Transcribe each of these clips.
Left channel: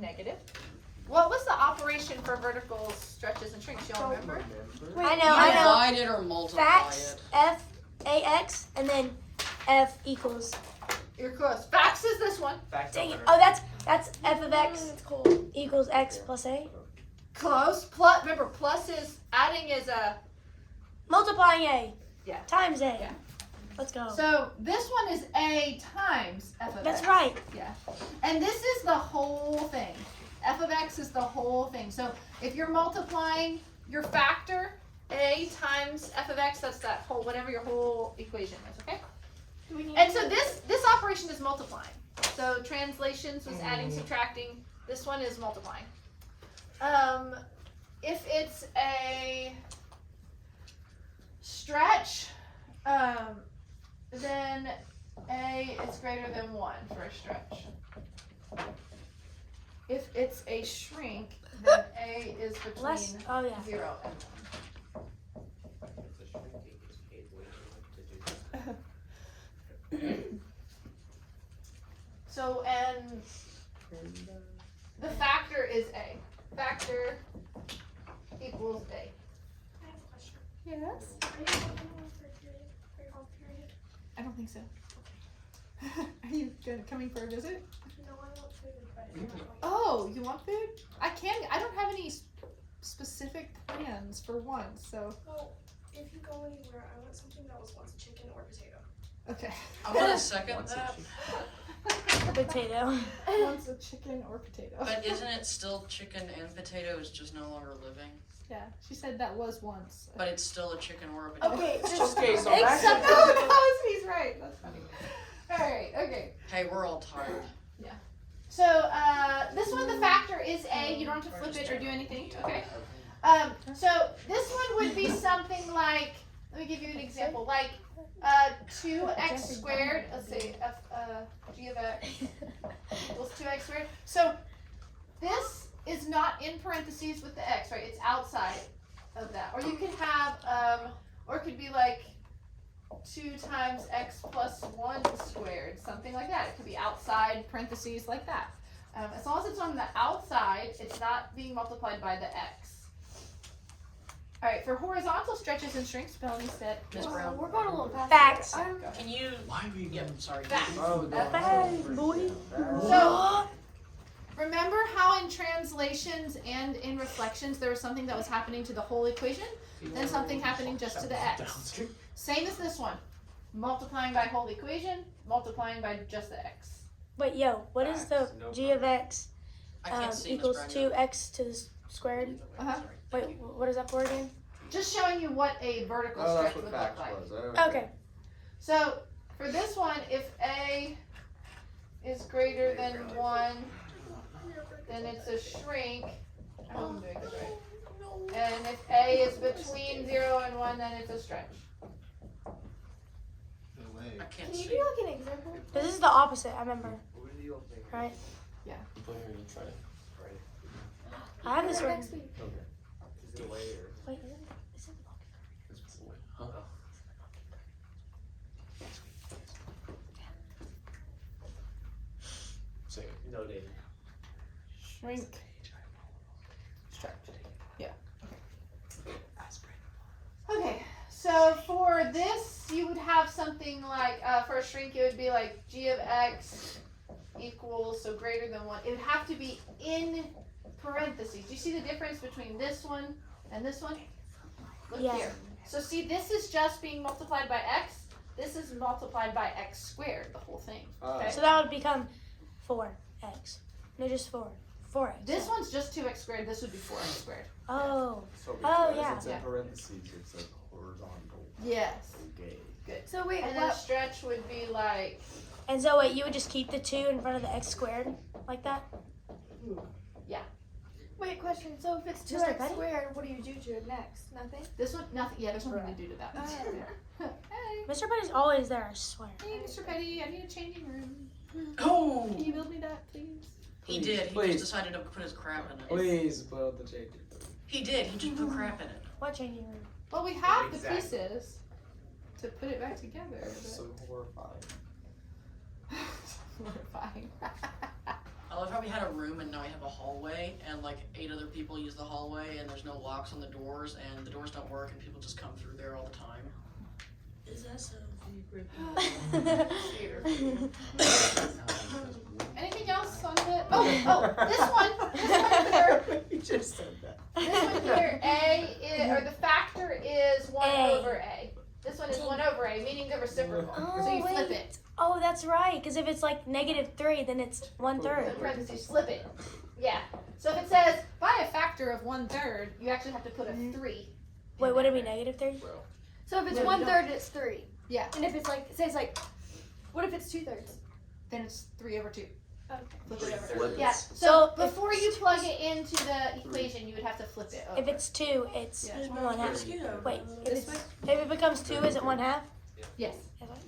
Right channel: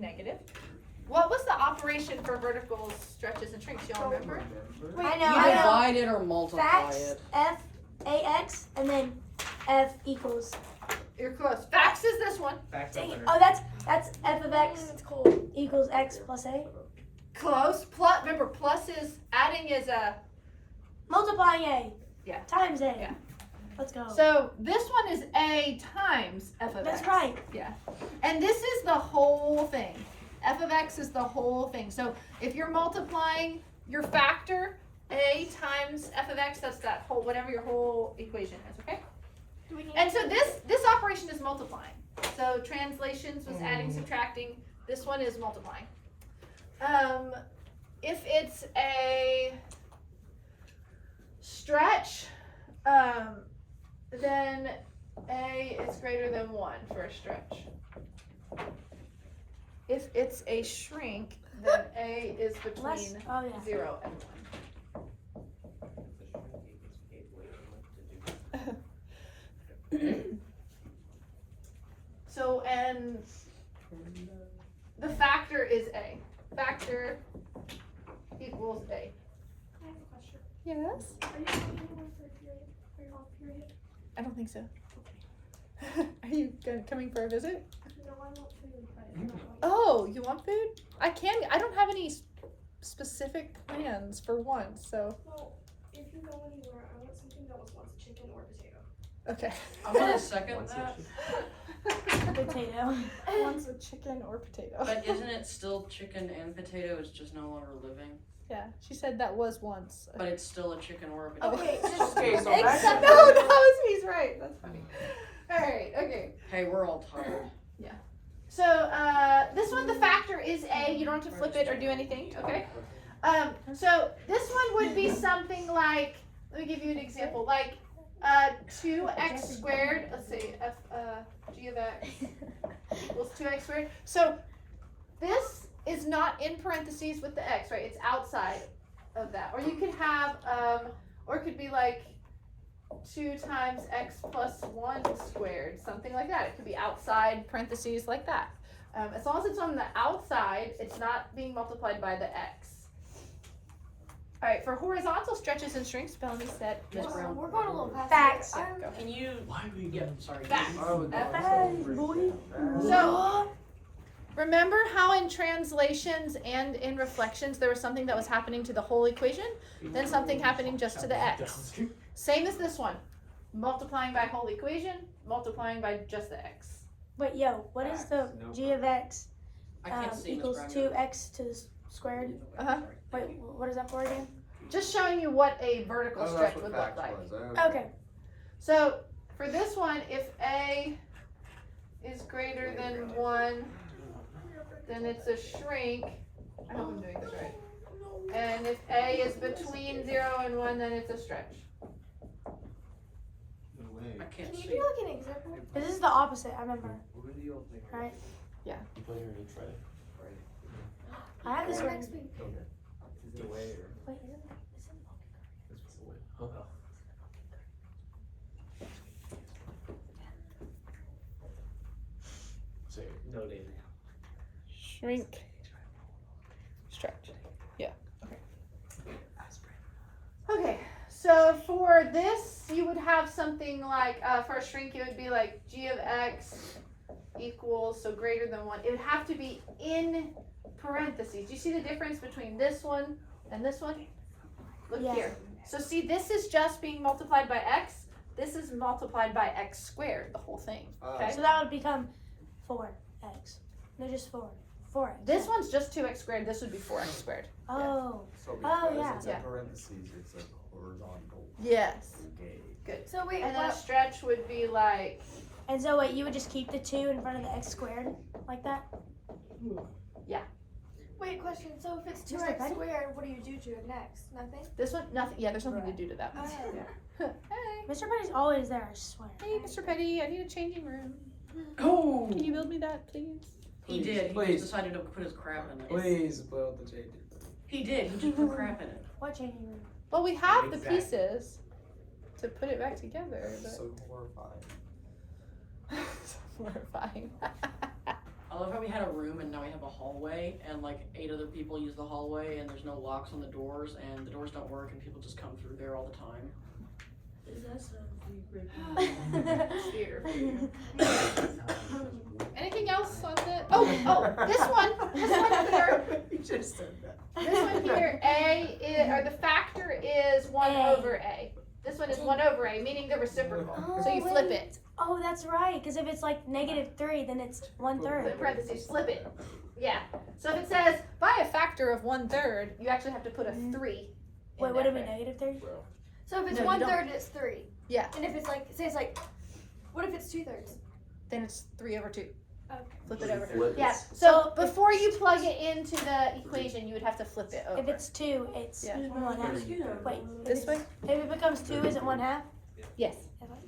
something negative. What was the operation for vertical stretches and shrinks? Y'all remember? Wait, I You know. divide it or multiply Facts, it. F, AX, and then F equals. You're close. Facts is this one. Dang it. Oh, that's F of X equals X plus A. Close. Plus, remember, plus is, adding is a, Multiplying A. Yeah. Times A. Yeah. Let's go. so this one is A times F of That's X. right. Yeah. And this is the whole thing. F of X is the whole thing. So if you're multiplying your factor, A times F of X, that's that whole, whatever your whole equation is, okay? And so this operation is multiplying. So translations was adding, subtracting. This one is multiplying. If it's a stretch, then A is greater than 1 for a stretch. If it's a shrink, then A is between Oh, yeah. 0 and 1. So, and the factor is A. Factor equals A. I have a question. Yes? Are you going to one for a period? For your whole period? I don't think so. Are you coming for a visit? No, I want food and Friday. Oh, you want food? I don't have any specific plans for once, so. Well, if you go anywhere, I want something that was once chicken or potato. Okay. I want to second that, Potato. Once a chicken or potato. but isn't it still chicken and potato? It's just no longer living. Yeah, she said that was once. But it's still a chicken or a potato. Okay, Okay, so that's no, that was, he's right. That's funny. Alright, okay. Hey, we're all tired. So, this one, the factor is A. You don't have to flip it or do anything, okay? So this one would be something like, let me give you an example, like 2x squared, let's say g of x equals 2x squared. So this is not in parentheses with the x, right? It's outside of that. Or you could have, or it could be like 2 times x plus 1 squared, something like that. It could be outside parentheses like that. As long as it's on the outside, it's not being multiplied by the x. All right, for horizontal stretches and shrinks, Melanie said, Miss Brown. We're going a little past. Facts. Go ahead. Can you? Why are we Yep. Sorry. Facts. boy. So, remember how in translations and in reflections there was something that was happening to the whole equation, then something happening just to the x. Same as this one, multiplying by whole equation, multiplying by just the x. Wait, yo, what is the g of x I can't see Miss equals Brown. 2x to the squared? Uh-huh. Sorry. Wait, Thank you. what is that for again? Just showing you what a vertical stretch would look like. Okay. So, for this one, if a is greater than 1, then it's a shrink. I hope I'm doing this right. And if a is between 0 and 1, then it's a stretch. I can't Can you see. do like an example? This is the opposite, I remember. Right? I have this one. Next week. Wait, is it? No, David. Shrink. Stretch. Yeah. Okay, so for this, you would have something like, for a shrink, it would be like g of x equals, so greater than 1. It would have to be in parentheses. Do you see the difference between this one and this one? Look Yes. here. So see, this is just being multiplied by x. This is multiplied by x squared, the whole thing. Okay. So that would become 4x. No, just 4. 4x. This one's just 2x squared. This would be 4x squared. Oh. So Oh, yeah. it's Yeah. in parentheses, it's like horizontal. Yes. Okay. Good. So wait, And then a stretch would be like, And so wait, you would just keep the 2 in front of the x squared? Like that? wait, question. So if it's Mr. 2x Petty? squared, what do you do to it next? Nothing? this one, nothing. Yeah, there's nothing to do to that. Okay. Hey. Mr. Petty's always there, I swear. Hey, Mr. Petty, I need a changing room. Oh! Can you build me that, please? He did. He Please. just decided to put his crap in it. Please build the changing room. He did. He just put crap in it. What changing room? Well, we have the Exactly. pieces to put it back together. So horrifying. But... Horrifying. I love how we had a room and now we have a hallway, and like 8 other people use the hallway, and there's no locks on the doors, and the doors don't work, and people just come through there all the time. Is that so? Theater for you. Anything else on the? This one here. You just said that. This one here, or the factor is 1 A. over A. This one is 1 over A, meaning the reciprocal. So you flip it. Oh, that's right. Because if it's like -3, then it's 1/3. Put parentheses, flip it. Yeah. So if it says by a factor of 1/3, you actually have to put a 3. Wait, would it be -3? So if it's No, you 1/3, it's 3. Yeah. And if it's like, say it's like, what if it's 2/3? Then it's 3 over 2. Okay. Flip it over. Flip it. Yeah. So before you plug it into the equation, you would have to flip it over. If it's 2, it's Yeah. 1/2. Wait, This way? if it becomes 2, is it 1/2? Yes.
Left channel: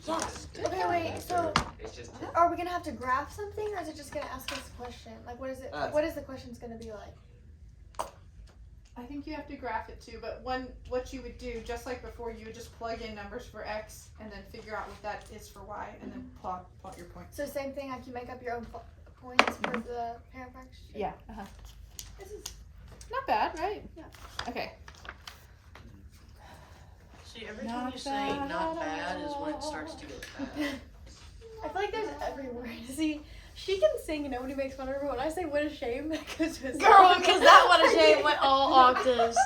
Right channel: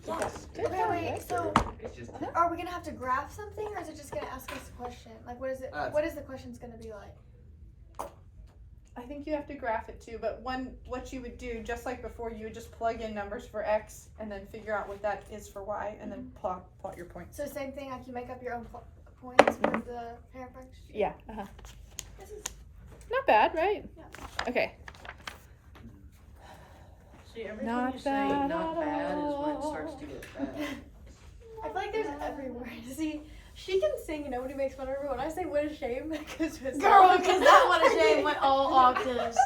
Yes. Okay, wait, so It's just. are we gonna have to graph something, or is it just gonna ask us a question? Like, what is it? What is the question's gonna be like? I think you have to graph it too, but what you would do, just like before, you would just plug in numbers for X and then figure out what that is for Y and then plot your points. So same thing, like you make up your own points for the parent fraction? Yeah. Uh-huh. This is Not bad, right? Okay. See, every time Not you say bad not at bad is when it all. starts to get bad. I feel like there's every word. See, she can sing and nobody makes fun of her. When I say what a shame, that goes to Girl, because that one is shame went all octaves.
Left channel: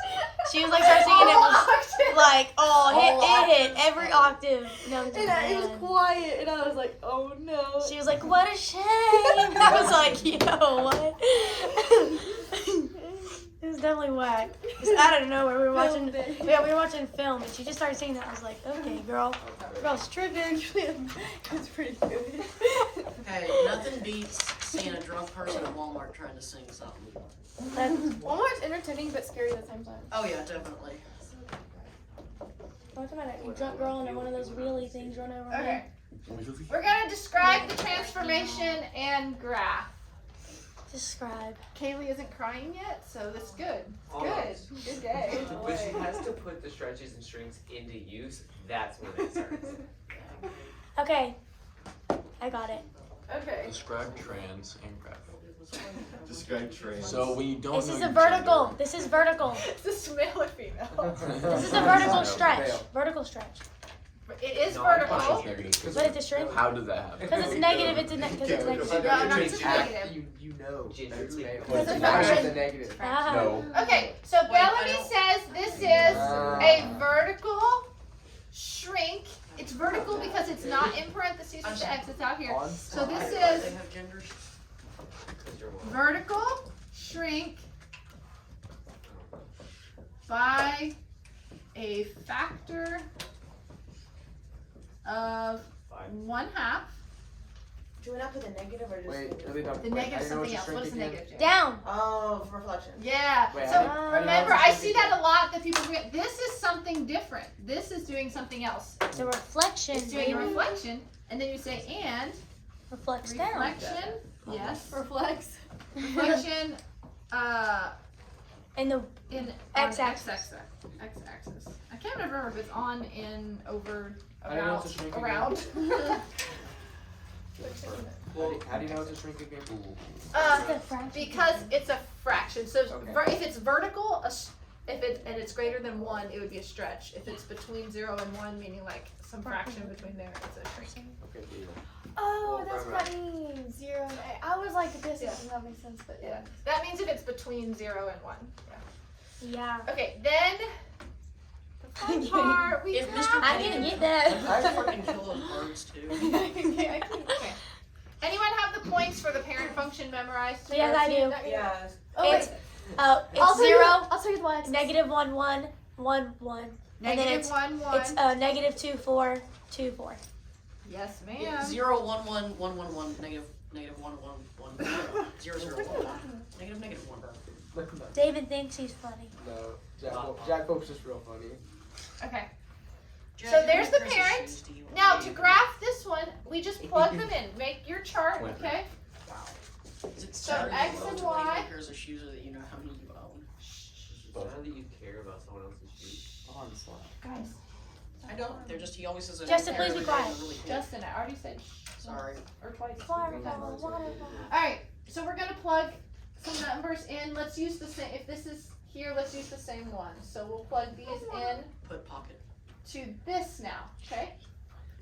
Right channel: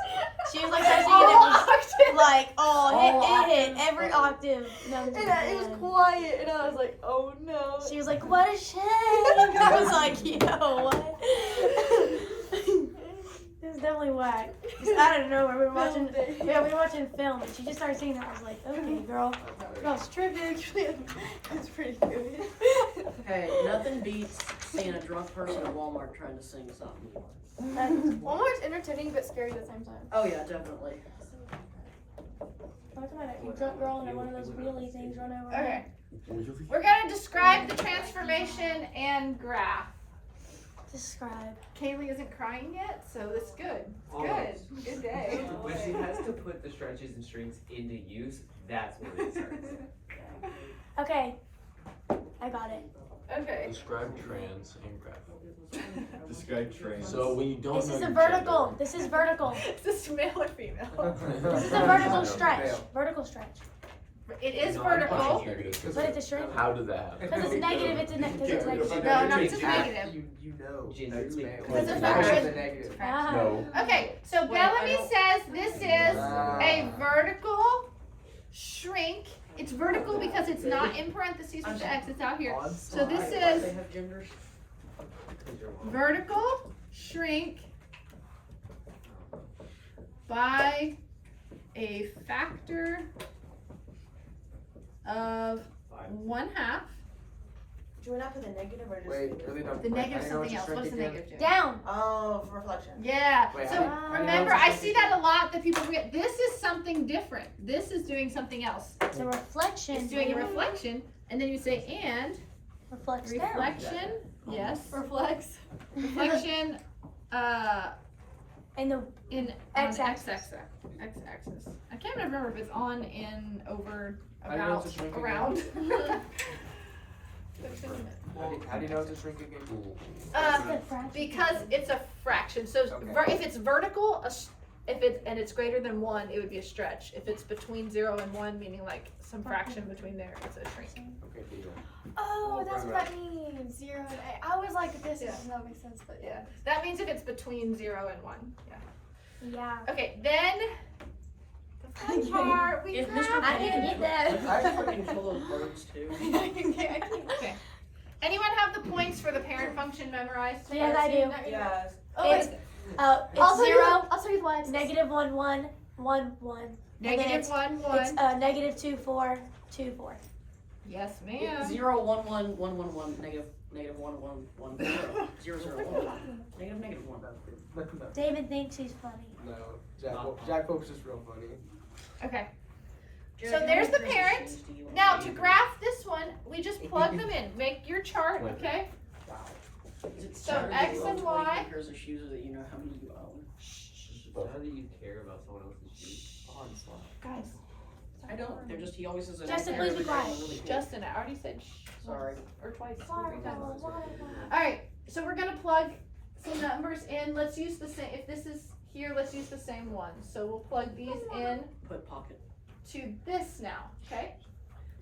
She was like, started singing it was like, it hit every octave. No, And it was quiet, and I was like, oh no. She was like, what a shame. I was like, you know what? It was definitely whack. Just out of nowhere, we were watching. Yeah, we were watching film, and she just started singing it. I was like, okay, girl's tripping. It's pretty good. Hey, nothing beats seeing a drunk person at Walmart trying to sing something. Walmart's entertaining but scary at the same time. Oh yeah, definitely. What's about a drunk girl and one of those wheelie things running around? Okay. We're gonna describe the transformation and graph. Describe. Kaylee isn't crying yet, so it's good. Good. Good day. When she has to put the stretches and strings into use, that's when it starts. Okay. I got it. Okay. Describe trans and graph. Describe trans. So when you don't This know is your a vertical. gender- This is vertical. Is this male or female? This is a vertical stretch. Vertical stretch. It is No, vertical. I'm pushing here But it's a shrink. How did that happen? Because it's negative, it's a because it's negative. No, not just negative. You know. Gender That's male. male. It's a It's fraction. a negative. Ah. No. Okay, so Wait, I Bellamy don't- says this is a vertical shrink. It's vertical because it's not in parentheses with the X, it's out here. So this Why is they have genders? vertical shrink by a factor of 1/2. Do we not put the negative or just? Wait, really don't. The wait, negative I is know what something you're else. What's the shrinking negative? Jen? Down. Oh, for reflection. Yeah. Wait, So I know remember, what I you're see that a lot that people forget. This is something different. This is doing something else. It's a reflection. It's doing a reflection, and then you say and Reflects down. reflection. Yes. Reflex. Reflection. And the In X-axis. X-axis. I can't remember if it's on, in, over, I don't know about, what to shrink again. around. How do you know it's a shrink again? Because it's a fraction. So Okay. if it's vertical, if it's greater than 1, it would be a stretch. If it's between 0 and 1, meaning like some fraction between there, it's a shrink. Okay, deal. Oh, that's what that means. 0 and 8. I was like, this does not make sense, but yeah. That means if it's between 0 and 1. Yeah. Yeah. Okay, then the fun part. We If got. Mr. I didn't get that. I fucking kill those birds too. Okay. Anyone have the points for the parent function memorized? Yes, I do. Yes. Oh, It's wait. it's I'll tell 0, you, I'll tell you the lines. negative 1, 1, 1, 1. Negative 1, 1. It's negative 2, 4, 2, 4. Yes, ma'am. 0, 1, 1, 1, 1, 1, negative 1, 1, 1, 0. 0, 0, 1, 1. Negative 1. No, David thinks he's funny. Jack Pope's just real funny. Okay. Jack, So how there's many the pairs of parent. shoes do you own? Now to graph this one, we just plug them in. Make your chart, okay? Is it So Saturday X you and own 20 Y. pairs of shoes or that you know how many you own? Now that you care about someone else's shoes. Oh, I'm sorry. Guys. I don't. They're just, he always says a Justin, pair please be every day, quiet. and they're really cool. Justin, I already said Sorry. or twice. Why, 3 times. why, why? Alright, so we're gonna plug some numbers in. Let's use the same, if this is here, let's use the same one. So we'll plug these in Put pocket. to this now, okay?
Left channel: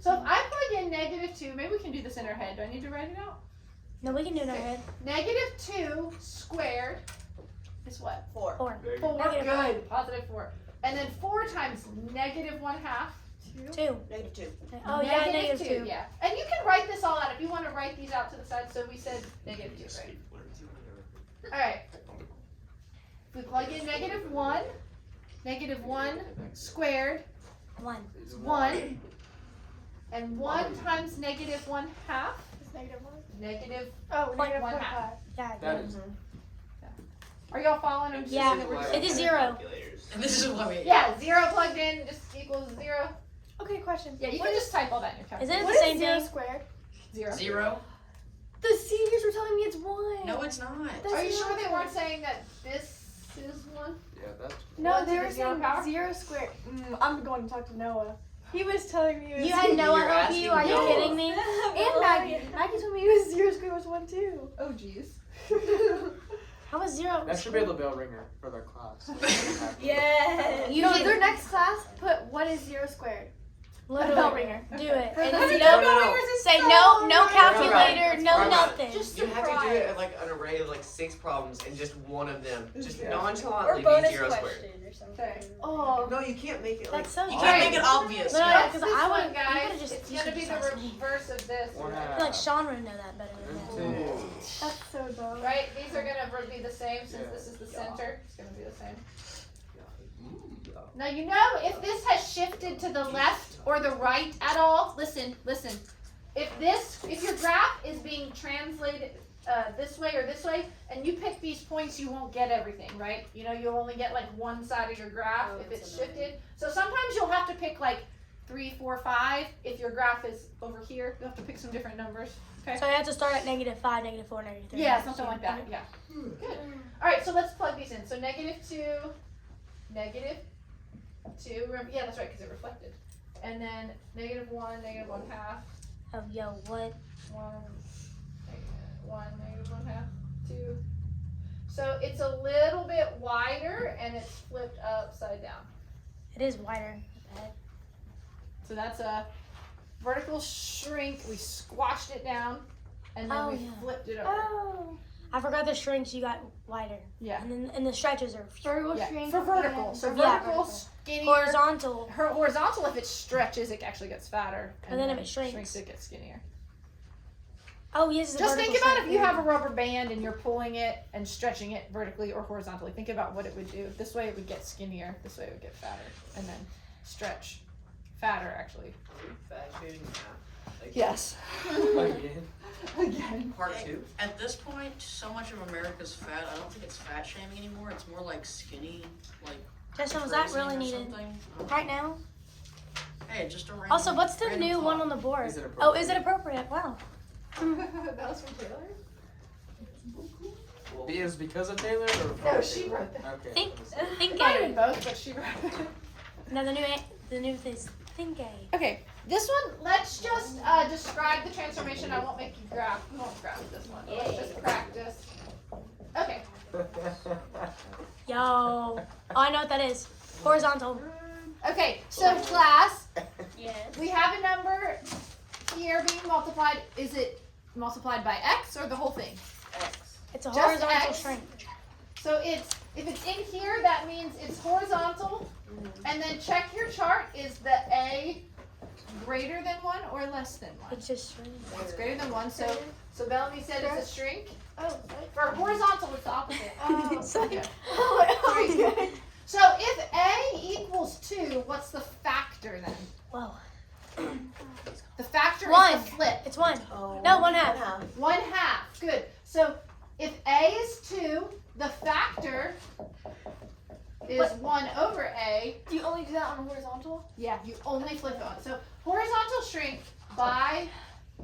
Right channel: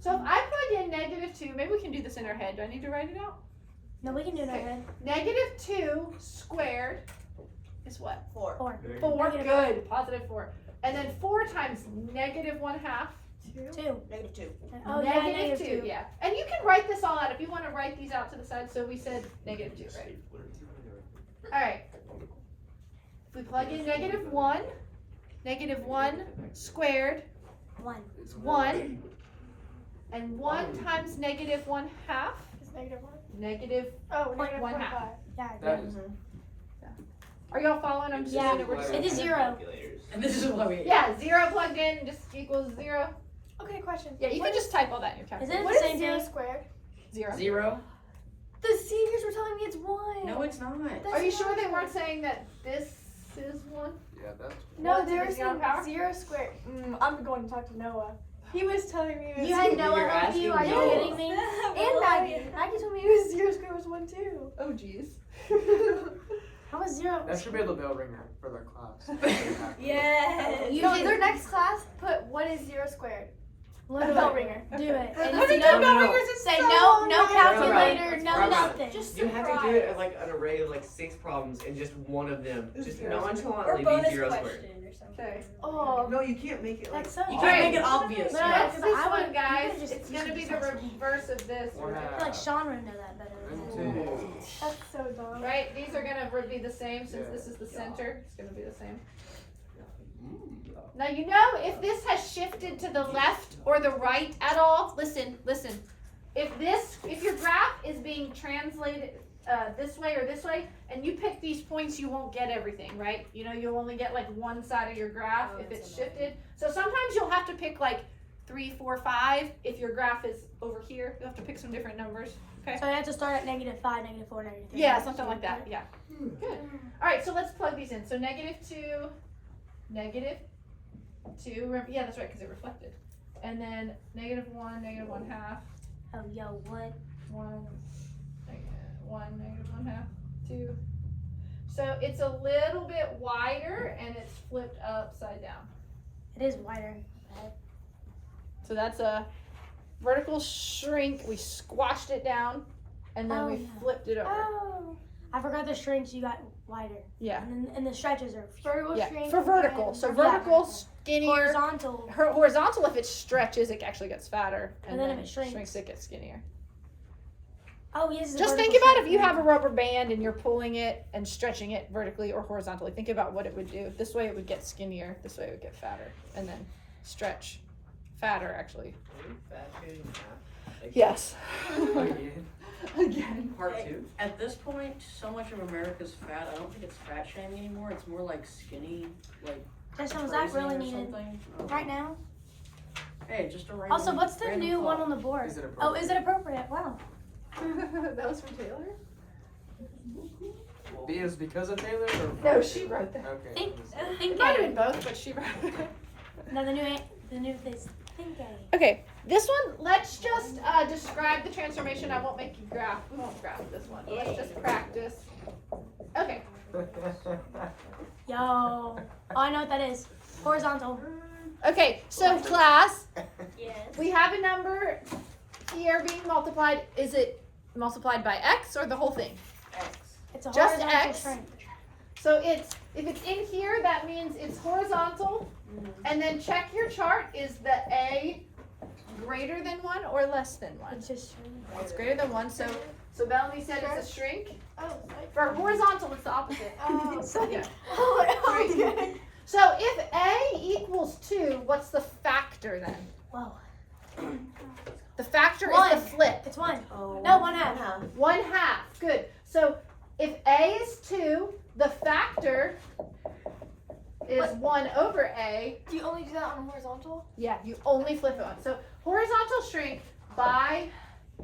So if I plug in -2, maybe we can do this in our head. Do I need to write it out? No, we can do it in our Okay. head. -2 squared is what? 4. 4. 4, Negative. good, +4. And then 4 times -1/2. 2. -2. Oh, yeah, Negative -2. 2, yeah. And you can write this all out if you want to write these out to the side. So we said -2, right? Alright. If we plug in -1, -1 squared 1. is 1. And 1 times -1/2, It's -1. negative. Oh, Like one half. 1/2. Yeah. That is. Are y'all following? I'm just Yeah. saying that we're It is 0. Calculators. And this is why we. Yeah, 0 plugged in just equals 0. Okay, question. Yeah, you can just type all that in your Is calculator. it What the is same 0 thing? squared? 0. 0? The seniors were telling me it's 1. No, it's not. Are you sure they weren't saying that this is 1? Yeah, that's. No, One to they the were zero saying power? 0 squared. I'm going to talk to Noah. He was telling me it was You had Noah You're help you? Are asking you Noah. kidding me? And Maggie. Maggie told me it was 0 squared was 1 too. Oh, jeez. How was 0? That should be the bell ringer for their class. Yeah. You No, did- their next class put what is 0 squared? Look A at bell it. ringer. Do it. I And think no, the bell ringers is say so no, no right. calculator, That's no right. nothing. Just You have to do surprise. it at like an array of like 6 problems and just one of them just Zero. nonchalantly be 0 squared. Okay. Oh. No, you can't make it like. That's so You dumb. can't make it obvious. No, Yeah. no, Next, 'cause this I one, would- guys, you could've just- it's you gonna be should've the just asked me. reverse of this. I feel like Sean would know that better than me. That's so dumb. Right? These are gonna be the same since this is the center. It's gonna be the same. Now you know if this has shifted to the left or the right at all, listen. If your graph is being translated this way or this way, and you pick these points, you won't get everything, right? You know, you'll only get like one side of your graph if it's shifted. So sometimes you'll have to pick like 3, 4, 5. If your graph is over here, you'll have to pick some different numbers. Okay. So I have to start at -5, -4, -3. Yeah, something like that. Yeah. Good. All right, so let's plug these in. So -2, -2. Remember, yeah, that's right, because it reflected. And then -1, -1/2. Oh, yo, what? 1, -1/2, 2. So it's a little bit wider and it's flipped upside down. It is wider. So that's a vertical shrink. We squashed it down and then Oh, we yeah. flipped it over. Oh. I forgot the shrinks you got wider. Yeah. And the stretches are Vertical Yeah, shrink for vertical. and- So Yeah. vertical, skinnier. horizontal. Horizontal, if it stretches, it actually gets fatter. And then if it shrinks. it gets skinnier. Oh, yes. it's a Just think vertical about if shrink. you have a rubber band and you're pulling it and stretching it vertically or horizontally. Think about what it would do. This way it would get skinnier. This way it would get fatter. And then stretch. Fatter, actually. Are we fat shaming that? Like, Yes. Again. Again. Part 2. At this point, so much of America's fat. I don't think it's fat shaming anymore. It's more like skinny, like Justin, was that praising really or needed? something. I don't know. Right now? Hey, just a random. Also, what's the random new thought. one on the board? Is it Oh, is it appropriate? Wow. That was from Taylor? Is because of Taylor or? No, she wrote that. Okay. Think It might have been A. both, but she wrote it. No, the new is Think A. Okay, this one, let's just describe the transformation. I won't make you graph. We won't graph this one. Let's just practice. Okay. Yo. Oh, I know what that is. Horizontal. Okay, so class, Yes. we have a number here being multiplied. Is it multiplied by x or the whole thing? X. It's a Just horizontal X. shrink. So if it's in here, that means it's horizontal. And then check your chart. Is the A greater than 1 or less than 1? It's just shrink. It's greater than 1. So Bellamy said it's a shrink. Oh, For horizontal, it's the opposite. Yeah. sorry. So if A equals 2, what's the factor then? Whoa. The factor is One. the flip. It's 1. Oh, No, 1/2. 1/2. Good. So if A is 2, the factor is 1 over A. Do you only do that on horizontal? Yeah, you only flip it on. So horizontal shrink by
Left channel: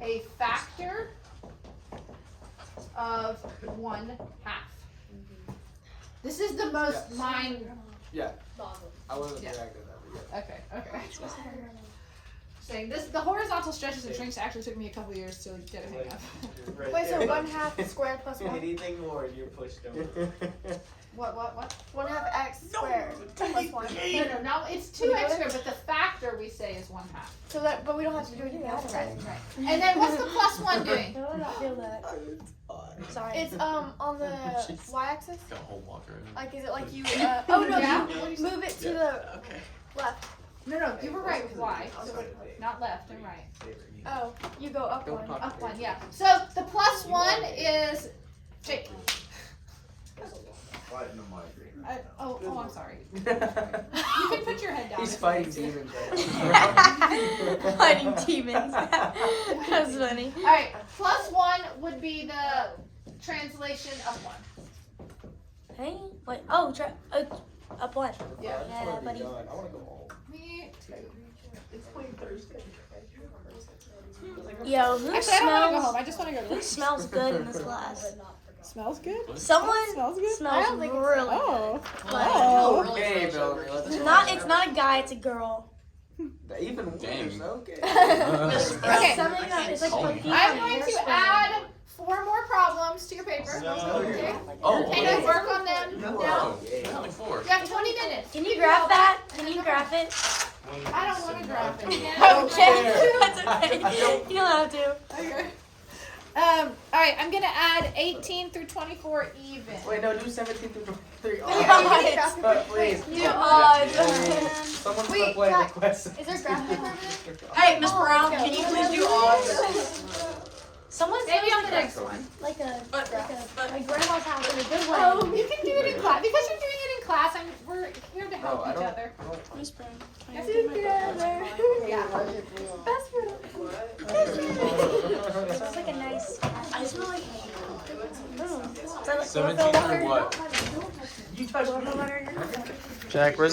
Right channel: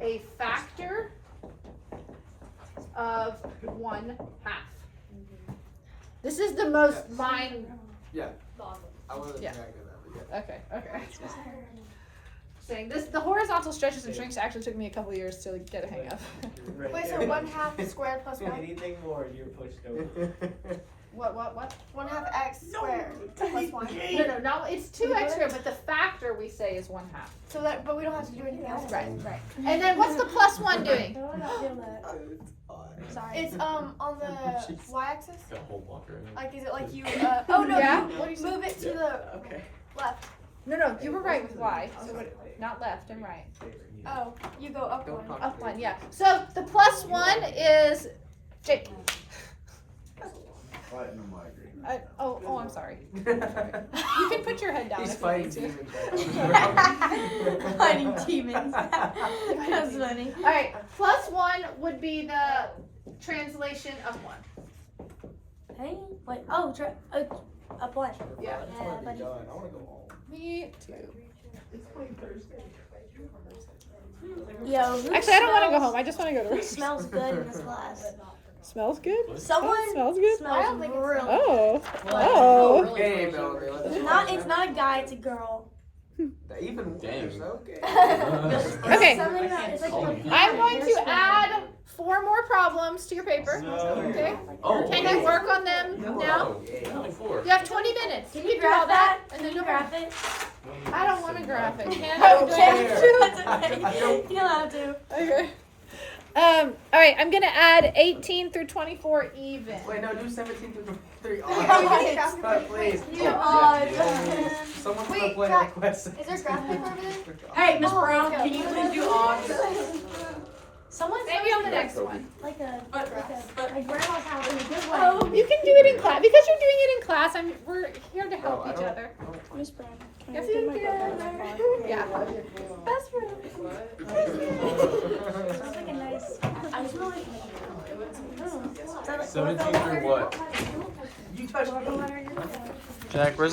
a factor of 1/2. This is the most Yes. mind. I wasn't Yeah. reacting that, but yeah. Okay. saying. The horizontal stretches and shrinks actually took me a couple years to get a hang of. Wait, so 1/2 squared plus 1? Anything more, you're pushed over. What? 1/2 x squared plus 1. No, it's 2x squared, but the factor we say is 1/2. So that, but we don't have to do anything else. Right. And then what's the plus 1 doing? Sorry. It's on the y-axis. Got a whole block right now. Like, is it like you? Oh no! Yeah? Move it to the Okay. left. No, you were right with y. So not left and right. Oh, you go up Don't one. talk. Up 1, yeah. So the plus 1 is Jake. I'm sorry. You can put your head down. He's if you fighting need to. demons. Fighting demons. That's funny. All right, plus 1 would be the translation of 1. Hey, wait. Oh, up one. Yeah. Yeah, buddy. Me too. Yo, who Actually, I don't want to go smells- home. I just want to go to Who work. smells good in this class? Smells good. Someone Smells good. smells don't think it's- really. Oh. Well, Oh. Okay, really Bill, frozen. let's It's not. It's not a guy. It's a girl. Even worse. Dang. Okay. Okay. Something that is like I'm going to add 4 more problems to your paper. Okay. Oh, Can you work on them now? Only 4. You have 20 minutes. Can You you do all graph that? and Can then you go home. graph it? I don't want to graph it. Can Okay. That's okay. You don't have to. Okay. All right. I'm gonna add 18 through 24 even. Wait, no, do 17 through 23. Please. You Someone's Wait, gonna play Jack, request. is there graph paper? Hey, Miss Brown, can you please do odds? Someone Maybe on the next one. like a But my grandma's house. In a good way. Oh, you can do it in class because you're doing it in class. We're here to help No, I each don't- other. Miss Brown. Yes, Together. Yeah. Best friend. Sounds like a nice. I smell like 17 through what? you touched me. Jack, where's